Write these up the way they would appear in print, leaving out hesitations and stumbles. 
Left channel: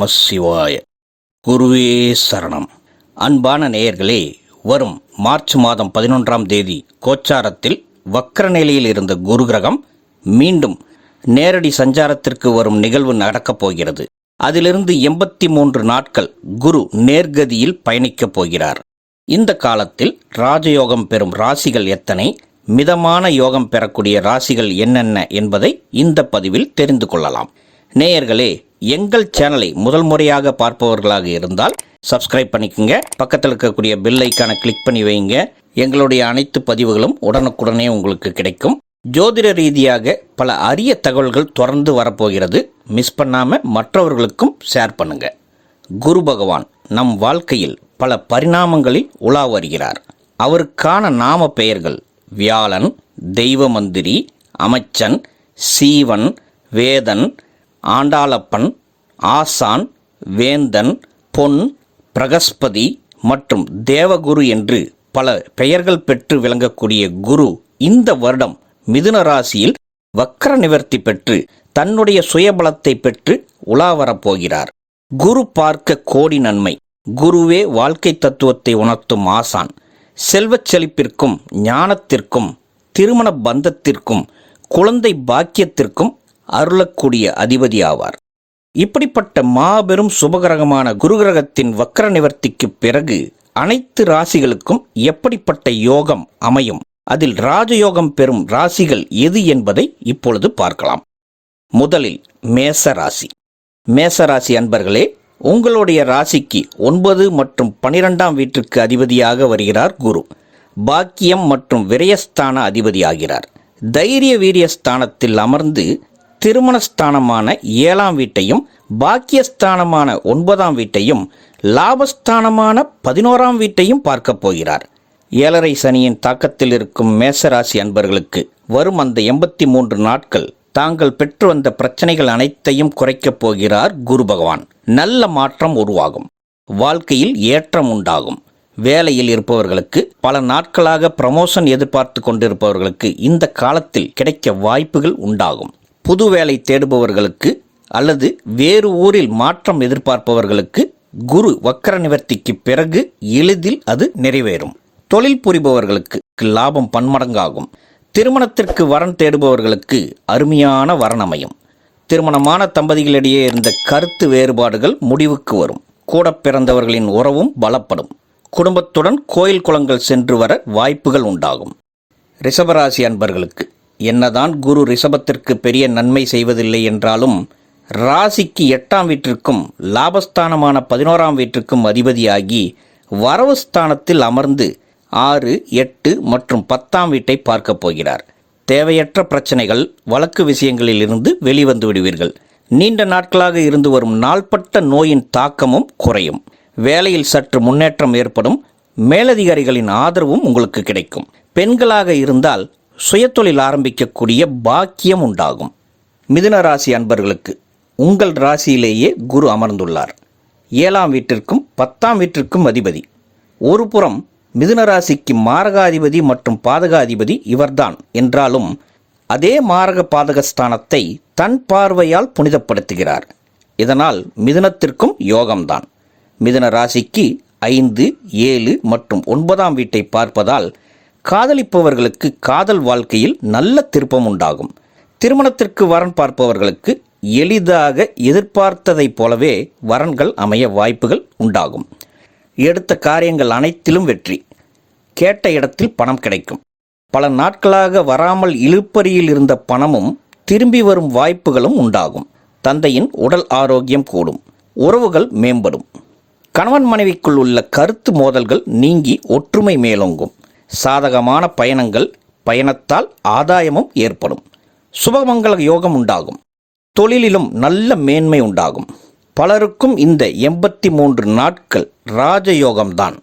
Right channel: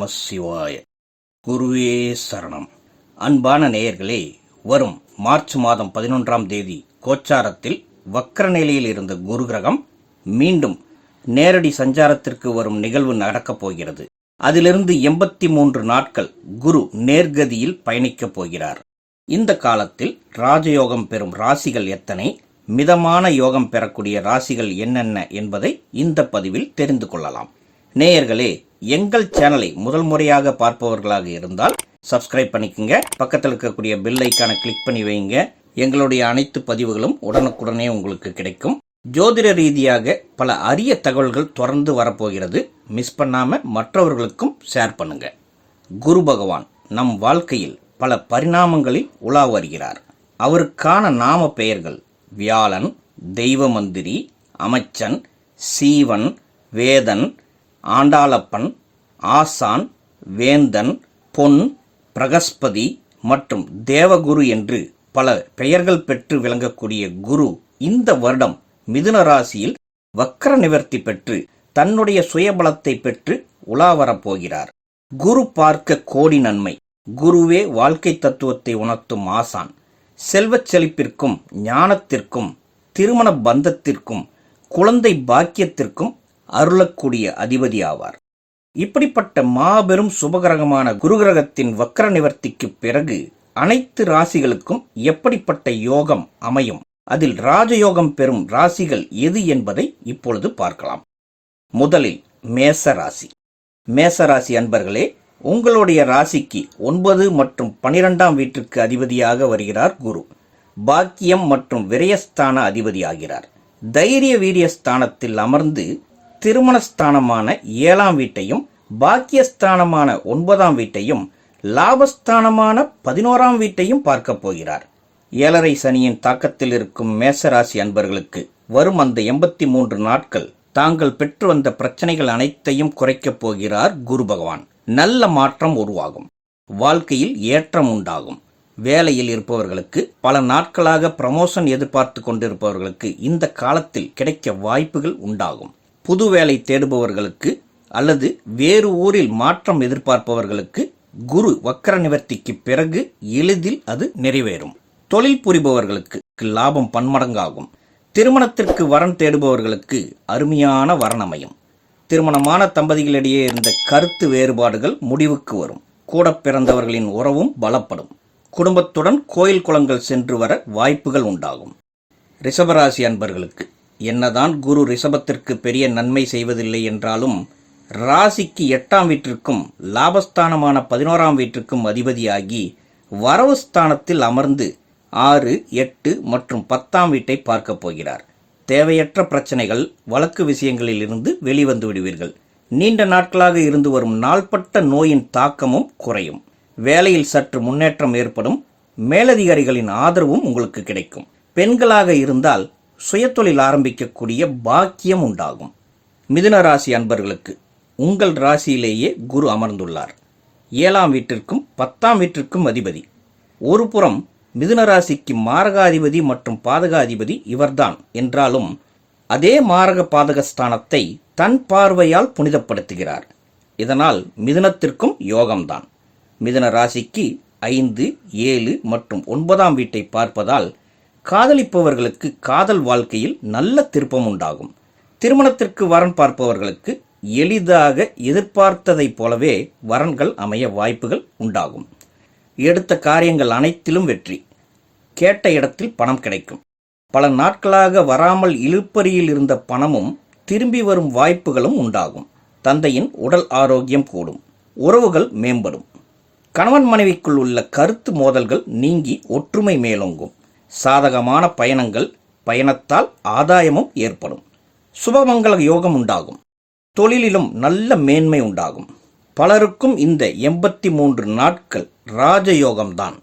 நம சிவாய. குருவே சரணம். அன்பான நேயர்களே, வரும் மார்ச் மாதம் 11ஆம் தேதி கோச்சாரத்தில் வக்ர நிலையில் இருந்த குரு கிரகம் மீண்டும் நேரடி சஞ்சாரத்திற்கு வரும் நிகழ்வு நடக்கப் போகிறது. அதிலிருந்து 83 நாட்கள் குரு நேர்கதியில் பயணிக்கப் போகிறார். இந்த காலத்தில் ராஜயோகம் பெறும் ராசிகள் எத்தனை, மிதமான யோகம் பெறக்கூடிய ராசிகள் என்னென்ன என்பதை இந்த பதிவில் தெரிந்து கொள்ளலாம். நேயர்களே, எங்கள் சேனலை முதல் முறையாக பார்ப்பவர்களாக இருந்தால் சப்ஸ்கிரைப் பண்ணிக்கோங்க. பக்கத்தில் இருக்கக்கூடிய பெல் ஐக்கானை கிளிக் பண்ணி வைங்க. எங்களுடைய அனைத்து பதிவுகளும் உடனுக்குடனே உங்களுக்கு கிடைக்கும். ஜோதிட ரீதியாக பல அரிய தகவல்கள் தொடர்ந்து வரப்போகிறது. மிஸ் பண்ணாமல் மற்றவர்களுக்கும் ஷேர் பண்ணுங்க. குரு பகவான் நம் வாழ்க்கையில் பல பரிணாமங்களில் உலா வருகிறார். அவருக்கான நாம பெயர்கள் வியாழன், தெய்வ மந்திரி, அமைச்சன், சீவன், வேதன், ஆண்டாளப்பன், ஆசான், வேந்தன், பொன், பிரகஸ்பதி மற்றும் தேவகுரு என்று பல பெயர்கள் பெற்று விளங்கக்கூடிய குரு இந்த வருடம் மிதுன ராசியில் வக்ர நிவர்த்தி பெற்று தன்னுடைய சுயபலத்தை பெற்று உலா வரப்போகிறார். குரு பார்க்க கோடி நன்மை. குருவே வாழ்க்கை தத்துவத்தை உணர்த்தும் ஆசான். செல்வச் செழிப்பிற்கும் ஞானத்திற்கும் திருமண பந்தத்திற்கும் குழந்தை பாக்கியத்திற்கும் அருளக்கூடிய அதிபதி ஆவார். இப்படிப்பட்ட மாபெரும் சுபகிரகமான குரு கிரகத்தின் வக்ர நிவர்த்திக்கு பிறகு அனைத்து ராசிகளுக்கும் எப்படிப்பட்ட யோகம் அமையும், அதில் ராஜயோகம் பெறும் ராசிகள் எது என்பதை இப்பொழுது பார்க்கலாம். முதலில் மேச ராசி. மேச ராசி அன்பர்களே, உங்களுடைய ராசிக்கு 9 மற்றும் 12ஆம் வீட்டிற்கு அதிபதியாக வருகிறார் குரு. பாக்கியம் மற்றும் விரயஸ்தான அதிபதியாகிறார். தைரிய வீரியஸ்தானத்தில் அமர்ந்து திருமணஸ்தானமான 7ஆம் வீட்டையும், பாக்கியஸ்தானமான 9ஆம் வீட்டையும், லாபஸ்தானமான 11ஆம் வீட்டையும் பார்க்கப் போகிறார். 7.5 சனியின் தாக்கத்தில் இருக்கும் மேசராசி அன்பர்களுக்கு வரும் அந்த 83 நாட்கள் தாங்கள் பெற்று வந்த பிரச்சனைகள் அனைத்தையும் குறைக்கப் போகிறார் குரு பகவான். நல்ல மாற்றம் உருவாகும். வாழ்க்கையில் ஏற்றம் உண்டாகும். வேலையில் இருப்பவர்களுக்கு, பல நாட்களாக ப்ரமோஷன் எதிர்பார்த்து கொண்டிருப்பவர்களுக்கு இந்த காலத்தில் கிடைக்க வாய்ப்புகள் உண்டாகும். புது வேலை தேடுபவர்களுக்கு அல்லது வேறு ஊரில் மாற்றம் எதிர்பார்ப்பவர்களுக்கு குரு வக்ர நிவர்த்திக்கு பிறகு எளிதில் அது நிறைவேறும். தொழில் புரிபவர்களுக்கு லாபம் பன்மடங்காகும். திருமணத்திற்கு வரன் தேடுபவர்களுக்கு அருமையான வரன் அமையும். திருமணமான தம்பதிகளிடையே இருந்த கருத்து வேறுபாடுகள் முடிவுக்கு வரும். கூட பிறந்தவர்களின் உறவும் பலப்படும். குடும்பத்துடன் கோயில் குளங்கள் சென்று வர வாய்ப்புகள் உண்டாகும். ரிஷபராசி அன்பர்களுக்கு என்னதான் குரு ரிஷபத்திற்கு பெரிய நன்மை செய்வதில்லை என்றாலும் ராசிக்கு 8ஆம் வீட்டிற்கும் லாபஸ்தானமான 11ஆம் வீட்டிற்கும் அதிபதியாகி வரவு ஸ்தானத்தில் அமர்ந்து 6, 8 மற்றும் 10ஆம் வீட்டை பார்க்கப் போகிறார். தேவையற்ற பிரச்சனைகள், வழக்கு விஷயங்களில் இருந்து வெளிவந்து விடுவீர்கள். நீண்ட நாட்களாக இருந்து வரும் நாள்பட்ட நோயின் தாக்கமும் குறையும். வேலையில் சற்று முன்னேற்றம் ஏற்படும். மேலதிகாரிகளின் ஆதரவும் உங்களுக்கு கிடைக்கும். பெண்களாக இருந்தால் சுயதொழில் ஆரம்பிக்கக்கூடிய பாக்கியம் உண்டாகும். மிதுன ராசி அன்பர்களுக்கு உங்கள் ராசியிலேயே குரு அமர்ந்துள்ளார். 7ஆம் வீட்டிற்கும் 10ஆம் வீட்டிற்கும் அதிபதி. ஒரு புறம் மிதுன ராசிக்கு மாரகாதிபதி மற்றும் பாதகாதிபதி இவர்தான் என்றாலும் அதே மாரக பாதகஸ்தானத்தை தன் பார்வையால் புனிதப்படுத்துகிறார். இதனால் மிதுனத்திற்கும் யோகம்தான். மிதுன ராசிக்கு 5, 7 மற்றும் 9ஆம் வீட்டை பார்ப்பதால் காதலிப்பவர்களுக்கு காதல் வாழ்க்கையில் நல்ல திருப்பம் உண்டாகும். திருமணத்திற்கு வரன் பார்ப்பவர்களுக்கு எளிதாக எதிர்பார்த்ததைப் போலவே வரன்கள் அமைய வாய்ப்புகள் உண்டாகும். எடுத்த காரியங்கள் அனைத்திலும் வெற்றி. கேட்ட இடத்தில் பணம் கிடைக்கும். பல நாட்களாக வராமல் இழுபறியில் இருந்த பணமும் திரும்பி வரும் வாய்ப்புகளும் உண்டாகும். தந்தையின் உடல் ஆரோக்கியம் கூடும். உறவுகள் மேம்படும். கணவன் மனைவிக்குள் உள்ள கருத்து மோதல்கள் நீங்கி ஒற்றுமை மேலோங்கும். சாதகமான பயணங்கள், பயணத்தால் ஆதாயமும் ஏற்படும். சுபமங்கல யோகம் உண்டாகும். தொழிலிலும் நல்ல மேன்மை உண்டாகும். பலருக்கும் இந்த 83 நாட்கள் ராஜயோகம்தான்.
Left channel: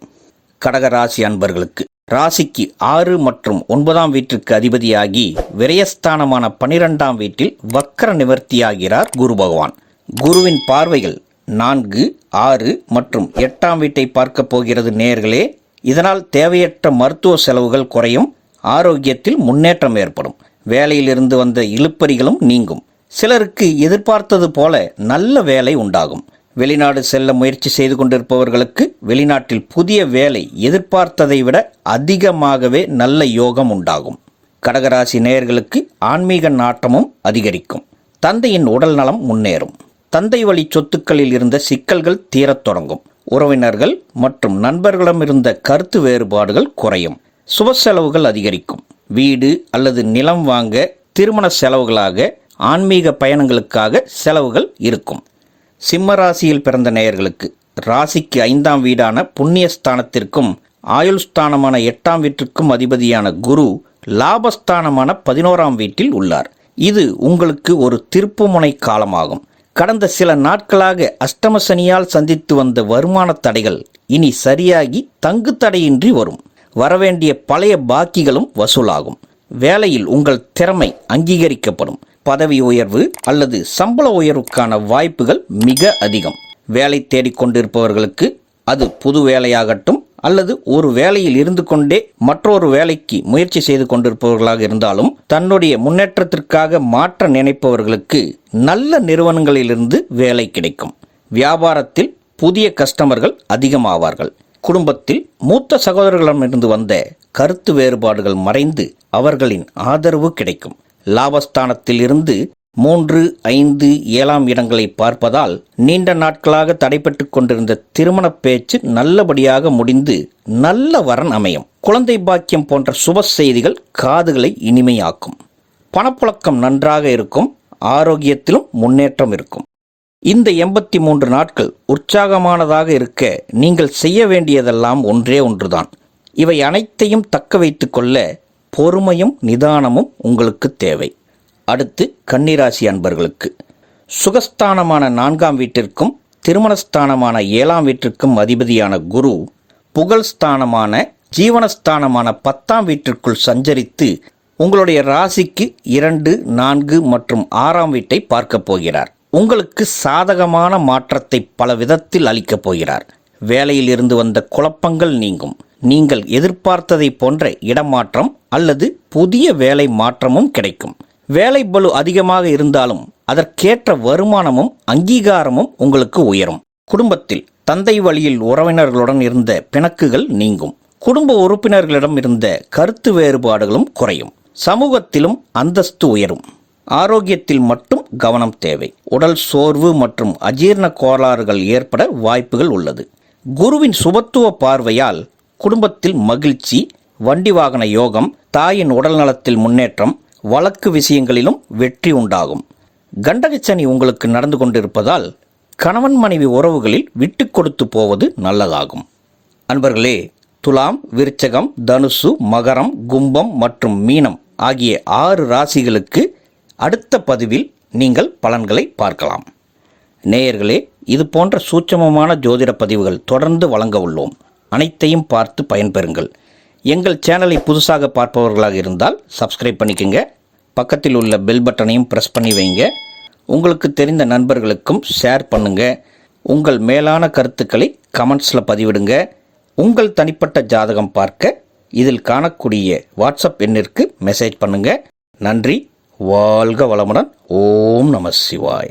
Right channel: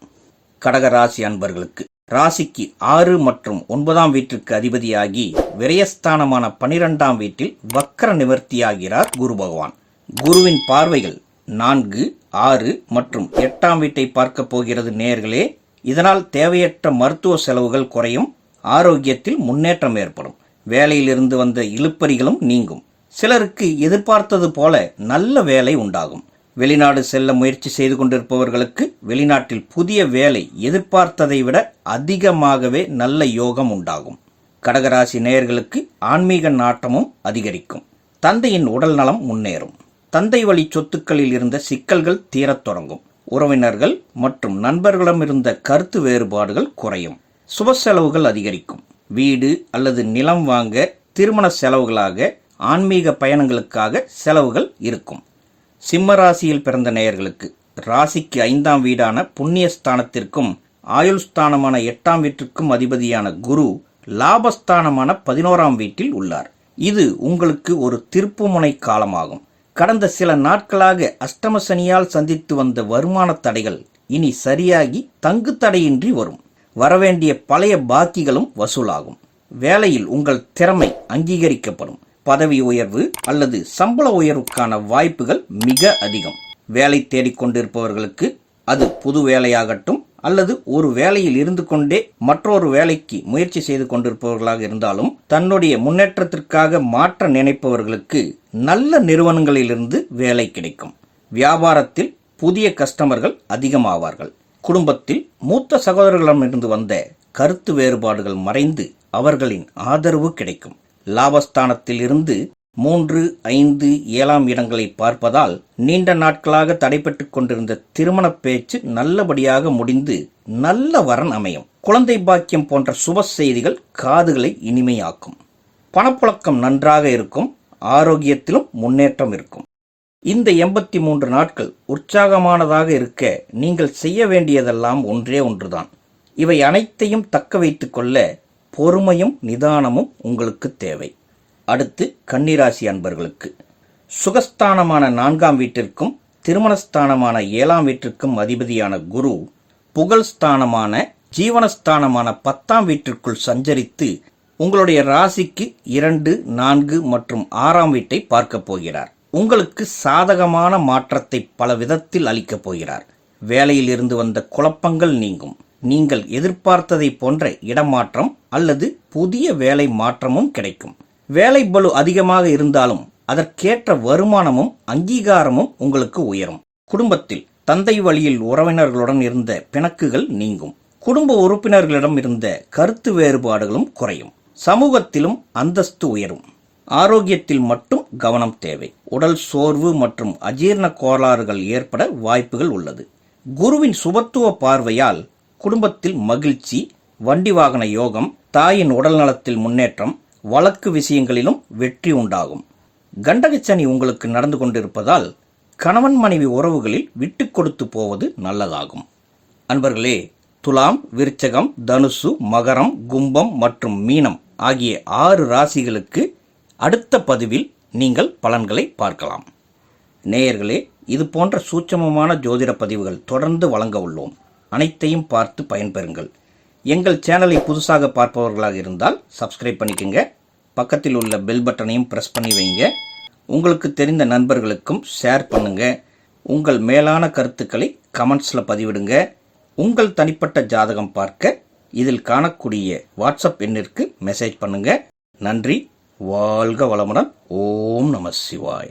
கடகராசி அன்பர்களுக்கு ராசிக்கு 6 மற்றும் 9ஆம் வீட்டிற்கு அதிபதியாகி விரயஸ்தானமான 12ஆம் வீட்டில் வக்ர நிவர்த்தியாகிறார் குரு பகவான். குருவின் பார்வைகள் 4, 6 மற்றும் 8ஆம் வீட்டை பார்க்க போகிறது நேயர்களே. இதனால் தேவையற்ற மருத்துவ செலவுகள் குறையும். ஆரோக்கியத்தில் முன்னேற்றம் ஏற்படும். வேலையிலிருந்து வந்த இழுபறிகளும் நீங்கும். சிலருக்கு எதிர்பார்த்தது போல நல்ல வேலை உண்டாகும். வெளிநாடு செல்ல முயற்சி செய்து கொண்டிருப்பவர்களுக்கு வெளிநாட்டில் புதிய வேலை எதிர்பார்த்ததை விட அதிகமாகவே நல்ல யோகம் உண்டாகும். கடகராசி நேயர்களுக்கு ஆன்மீக நாட்டமும் அதிகரிக்கும். தந்தையின் உடல் நலம் முன்னேறும். தந்தை வழி சொத்துக்களில் இருந்த சிக்கல்கள் தீரத் தொடங்கும். உறவினர்கள் மற்றும் நண்பர்களிடம் இருந்த கருத்து வேறுபாடுகள் குறையும். சுப செலவுகள் அதிகரிக்கும். வீடு அல்லது நிலம் வாங்க, திருமண செலவுகளாக, ஆன்மீக பயணங்களுக்காக செலவுகள் இருக்கும். சிம்ம ராசியில் பிறந்த நேயர்களுக்கு ராசிக்கு 5ஆம் வீடான புண்ணியஸ்தானத்திற்கும் ஆயுள் ஸ்தானமான 8ஆம் வீட்டிற்கும் அதிபதியான குரு லாபஸ்தானமான 11ஆம் வீட்டில் உள்ளார். இது உங்களுக்கு ஒரு திருப்புமுனை காலமாகும். கடந்த சில நாட்களாக அஷ்டம சனியால் சந்தித்து வந்த வருமான தடைகள் இனி சரியாகி தங்கு தடையின்றி வரும். வரவேண்டிய பழைய பாக்கிகளும் வசூலாகும். வேலையில் உங்கள் திறமை அங்கீகரிக்கப்படும். பதவி உயர்வு அல்லது சம்பள உயர்வுக்கான வாய்ப்புகள் மிக அதிகம். வேலை தேடிக்கொண்டிருப்பவர்களுக்கு அது புது வேலையாகட்டும் அல்லது ஒரு வேலையில் இருந்து கொண்டே மற்றொரு வேலைக்கு முயற்சி செய்து கொண்டிருப்பவர்களாக இருந்தாலும், தன்னுடைய முன்னேற்றத்திற்காக மாற்ற நினைப்பவர்களுக்கு நல்ல நிறுவனங்களிலிருந்து வேலை கிடைக்கும். வியாபாரத்தில் புதிய கஸ்டமர்கள் அதிகமாவார்கள். குடும்பத்தில் மூத்த சகோதரர்களிடமிருந்து வந்த கருத்து வேறுபாடுகள் மறைந்து அவர்களின் ஆதரவு கிடைக்கும். லாபஸ்தானத்தில் இருந்து 3, 5, 7ஆம் இடங்களை பார்ப்பதால் நீண்ட நாட்களாக தடைபட்டு கொண்டிருந்த திருமண பேச்சு நல்லபடியாக முடிந்து நல்ல வரன் அமையும். குழந்தை பாக்கியம் போன்ற சுப செய்திகள் காதுகளை இனிமையாக்கும். பணப்புழக்கம் நன்றாக இருக்கும். ஆரோக்கியத்திலும் முன்னேற்றம் இருக்கும். இந்த 83 நாட்கள் உற்சாகமானதாக இருக்க நீங்கள் செய்ய வேண்டியதெல்லாம் ஒன்றே ஒன்றுதான். இவை அனைத்தையும் தக்க வைத்து கொள்ள பொறுமையும் நிதானமும் உங்களுக்கு தேவை. அடுத்து கன்னிராசி அன்பர்களுக்கு சுகஸ்தானமான 4ஆம் வீட்டிற்கும் திருமணஸ்தானமான 7ஆம் வீட்டிற்கும் அதிபதியான குரு புகழ்ஸ்தானமான ஜீவனஸ்தானமான 10ஆம் வீட்டிற்குள் சஞ்சரித்து உங்களுடைய ராசிக்கு 2, 4 மற்றும் 6ஆம் வீட்டை பார்க்கப் போகிறார். உங்களுக்கு சாதகமான மாற்றத்தை பல விதத்தில் அளிக்கப் போகிறார். வேலையில் இருந்து வந்த குழப்பங்கள் நீங்கும். நீங்கள் எதிர்பார்த்ததை போன்ற இடமாற்றம் அல்லது புதிய வேலை மாற்றமும் கிடைக்கும். வேலை பளு அதிகமாக இருந்தாலும் அதற்கேற்ற வருமானமும் அங்கீகாரமும் உங்களுக்கு உயரும். குடும்பத்தில் தந்தை வழியில் உறவினர்களுடன் இருந்த பிணக்குகள் நீங்கும். குடும்ப உறுப்பினர்களிடம் இருந்த கருத்து வேறுபாடுகளும் குறையும். சமூகத்திலும் அந்தஸ்து உயரும். ஆரோக்கியத்தில் மட்டும் கவனம் தேவை. உடல் சோர்வு மற்றும் அஜீரண கோளாறுகள் ஏற்பட வாய்ப்புகள் உள்ளது. குருவின் சுபத்துவ பார்வையால் குடும்பத்தில் மகிழ்ச்சி, வண்டி வாகன யோகம், தாயின் உடல் நலத்தில் முன்னேற்றம், வழக்கு விஷயங்களிலும் வெற்றி உண்டாகும். கண்டகச்சனி உங்களுக்கு நடந்து கொண்டிருப்பதால் கணவன் மனைவி உறவுகளில் விட்டு கொடுத்து போவது நல்லதாகும். அன்பர்களே, துலாம், விருச்சகம், தனுசு, மகரம், கும்பம் மற்றும் மீனம் ஆகிய 6 ராசிகளுக்கு அடுத்த பதிவில் நீங்கள் பலன்களை பார்க்கலாம். நேயர்களே, இது போன்ற சூட்சமமான ஜோதிட பதிவுகள் தொடர்ந்து வழங்க உள்ளோம். அனைத்தையும் பார்த்து பயன்பெறுங்கள். எங்கள் சேனலை புதுசாக பார்ப்பவர்களாக இருந்தால் சப்ஸ்கிரைப் பண்ணிக்கோங்க. பக்கத்தில் உள்ள பெல் பட்டனையும் ப்ரெஸ் பண்ணி வைங்க. உங்களுக்கு தெரிந்த நண்பர்களுக்கும் ஷேர் பண்ணுங்கள். உங்கள் மேலான கருத்துக்களை கமெண்ட்ஸில் பதிவிடுங்க. உங்கள் தனிப்பட்ட ஜாதகம் பார்க்க இதில் காணக்கூடிய வாட்ஸ்அப் எண்ணிற்கு மெசேஜ் பண்ணுங்கள். நன்றி. வாழ்க வளமுடன். ஓம் நம சிவாய.